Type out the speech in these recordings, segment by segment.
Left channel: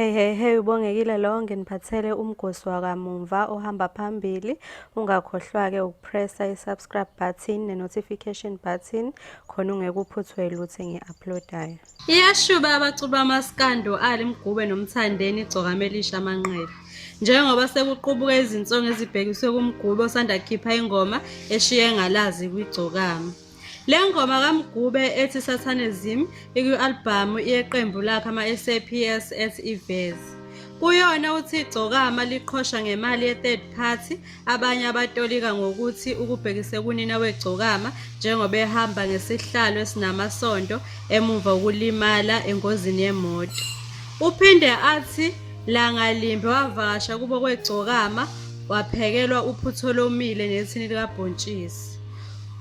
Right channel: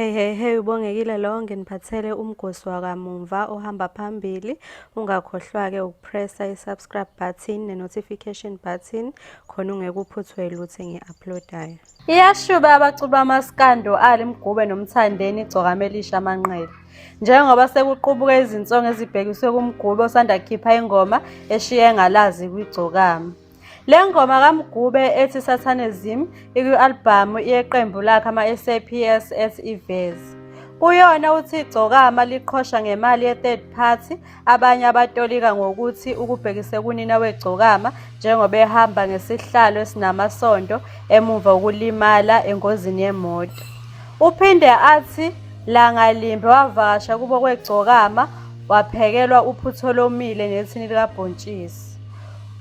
Hey, ubongekile lo nginiphathele umgosi wakamuva ohamba phambili. Ungakhohlwa-ke ukupressa i-subscribe button ne-notification button khona ungeke uphuthwe lutho engi-uploadayo. Iyashuba abaculi bamaskando Ali Mgube noMthandeni igcokama elisha amanqele. Njengoba sekuqubuka izinsongo ezibhekiswe kuMgube osanda kukhipha ingoma eshiye engalazi kwigcokama. Le ngoma kaMgube ethi Satanism ikwi-albhamu yeqembu lakhe ama-SAPS ethi Ivezi. Kuyona uthi igcokama liqhosha ngemali ye-third party, abanye abatolika ngokuthi ukubhekise kunina wegcokama njengoba ehamba ngesihlalo esinamasondo emuva ukulimala engozini yemoto. Uphinde athi Langalimbe wavakasha kubo kwegcokama waphekelwa uphutho lomile nethini likabhontshisi.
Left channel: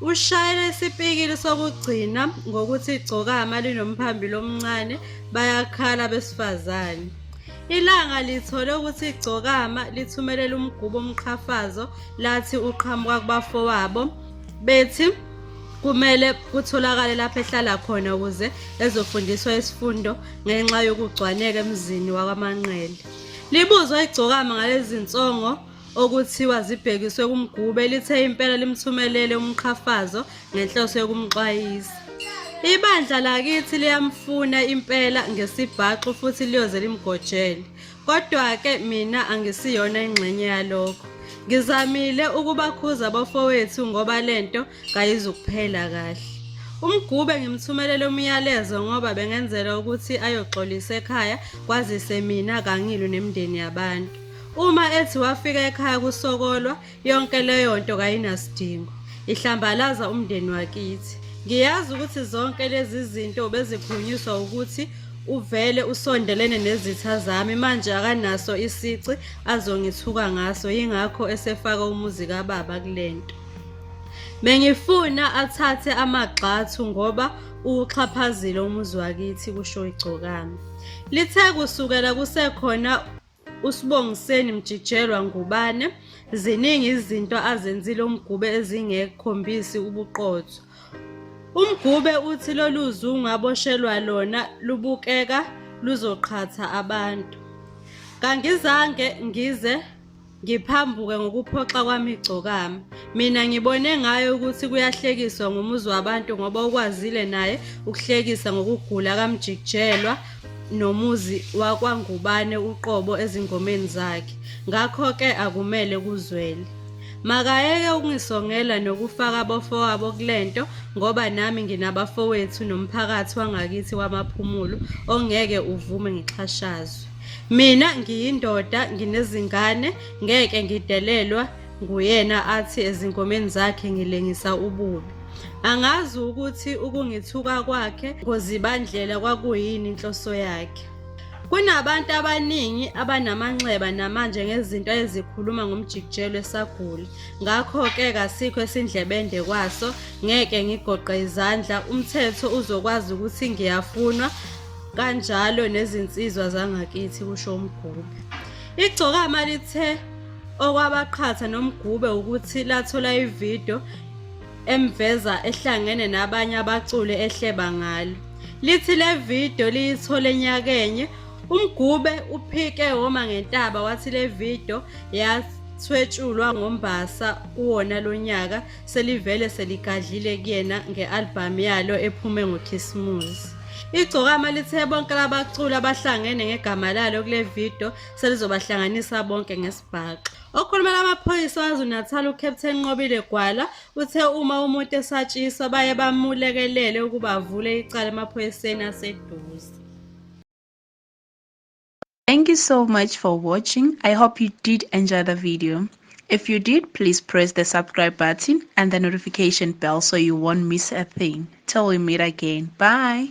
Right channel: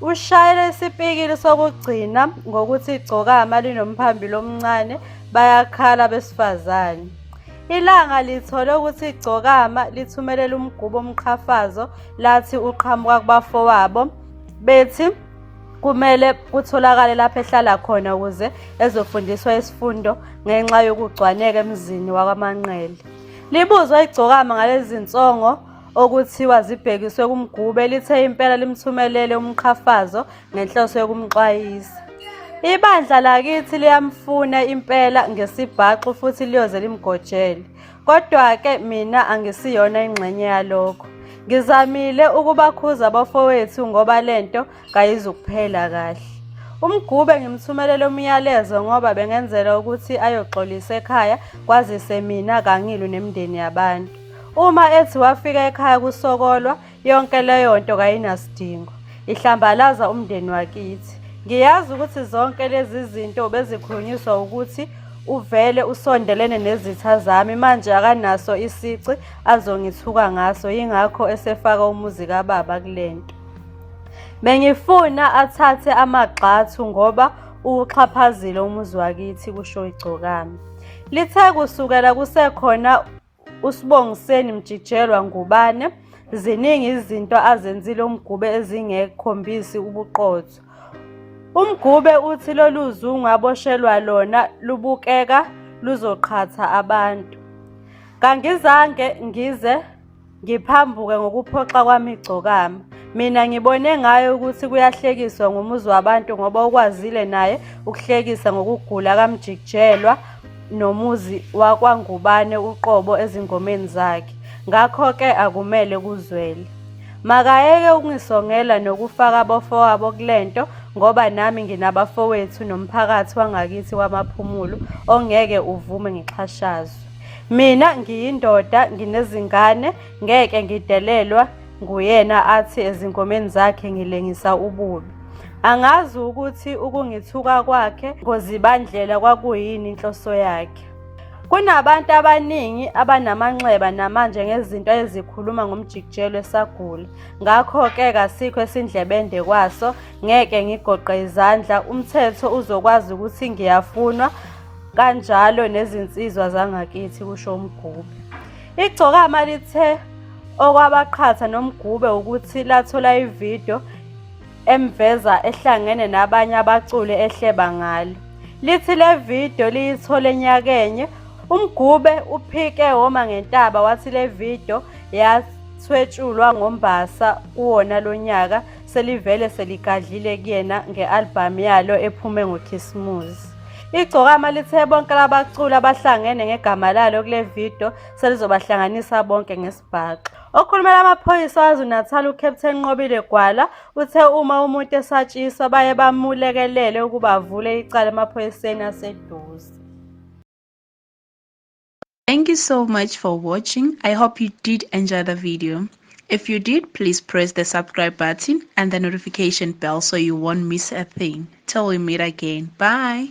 Ushayele isipikili sokugcina ngokuthi igcokama linomphambili omncane bayakhala besifazane. Ilanga lithole ukuthi igcokama lithumelela uMgube umqhafazo lathi uqhamuka kubafowabo bethi kumele kutholakale lapho ehlala khona ukuze ezofundiswa isifundo ngenxa yokucwaneka emzini wakwaManqele. Libuzwa igcokama ngalezi zinsongo okuthiwa zibhekiswe kuMgube lithe impela limthumelele umqhafazo ngenhloso yokumxwayisa. Ibandla lakithi liyamfuna impela ngesibhaxu futhi liyoze limgojele. Kodwa-ke mina angisiyona ingxenye yalokho. Ngizamile ukubakhuza abafowethu ngoba lento kayizukuphela kahle. uMgube ngimthumelele umyalezo ngoba bengenzela ukuthi ayoxolisa ekhaya kwazise mina kangilwi nemindeni yabantu. Uma ethi wafika ekhaya kusokolwa yonke leyo nto kayinasidingo. Ihlambalaza umndeni wakithi. Ngiyazi ukuthi zonke lezi zinto bezikhulunyiswa ukuthi uvele usondelene nezitha zami manje akanaso isici azongithuka ngaso yingakho esefaka umuzi kababa kulento. Bengifuna athathe amagxathu ngoba uxhaphazile umuzi wakithi kusho igcokama. Lithe kusukela kusekhona uSibongiseni Mjijelwa Ngubane ziningi izinto azenzile uMgube ezingekhombisi ubuqotho. uMgube uthi lolu zungu aboshelwa lona lubukeka luzoqhatha abantu. Kangizange ngize ngiphambuke ngokuphoxa kwami igcokama. Mina ngibone ngayo ukuthi kuyahlekiswa ngomuzi wabantu ngoba ukwazile naye ukuhlekisa ngokugula kaMjijelwa nomuzi wakwaNgubane uqobo ezingomeni zakhe. Ngakho-ke akumele kuzwele. Makayeke ukungisongela nokufaka abafowabo kulento ngoba nami nginabafowethu nomphakathi wangakithi wamaphumulo ongeke uvume ngixhashazwe. Mina ngiyindoda nginezingane ngeke ngidelelwa nguyena athi ezingomeni zakhe ngilengisa ububi. Angazi ukuthi ukungithuka kwakhe ngozibandlela kwakuyini inhloso yakhe. Kunabantu abaningi abanamanxeba namanje ngezinto ezikhuluma ngomjikijelo esagula. Ngakho-ke kasikho esindlebende kwaso ngeke ngigoqe izandla. Umthetho uzokwazi ukuthi ngiyafunwa kanjalo nezinsizwa zangakithi kusho uMgube. Igcokama lithe okwabaqhatha noMgube ukuthi lathola ividiyo emveza ehlangene nabanye abaculi ehleba ngalo. Lithi le video liyithole nyakenye. uMgube uphike woma ngentaba wathi le video yathwetshulwa ngoMbasa kuwona lonyaka selivele seligadlile kuyena nge-albhamu yalo ephume ngoKhisimusi. Igcokama lithe bonke labaculi abahlangene ngegama lalo kule video selizobahlanganisa bonke ngesibhaxu. Okhulumela amaphoyisa waZulu-Natal uCaptain Nqobile Gwala uthe uma umuntu esatshiswa baye bamulekelele ukuba avule icala emaphoyiseni aseduze. Thank you so much for watching. I hope you did enjoy the video. If you did, please press the subscribe button and the notification bell so you won't miss a thing. Till we meet again. Bye.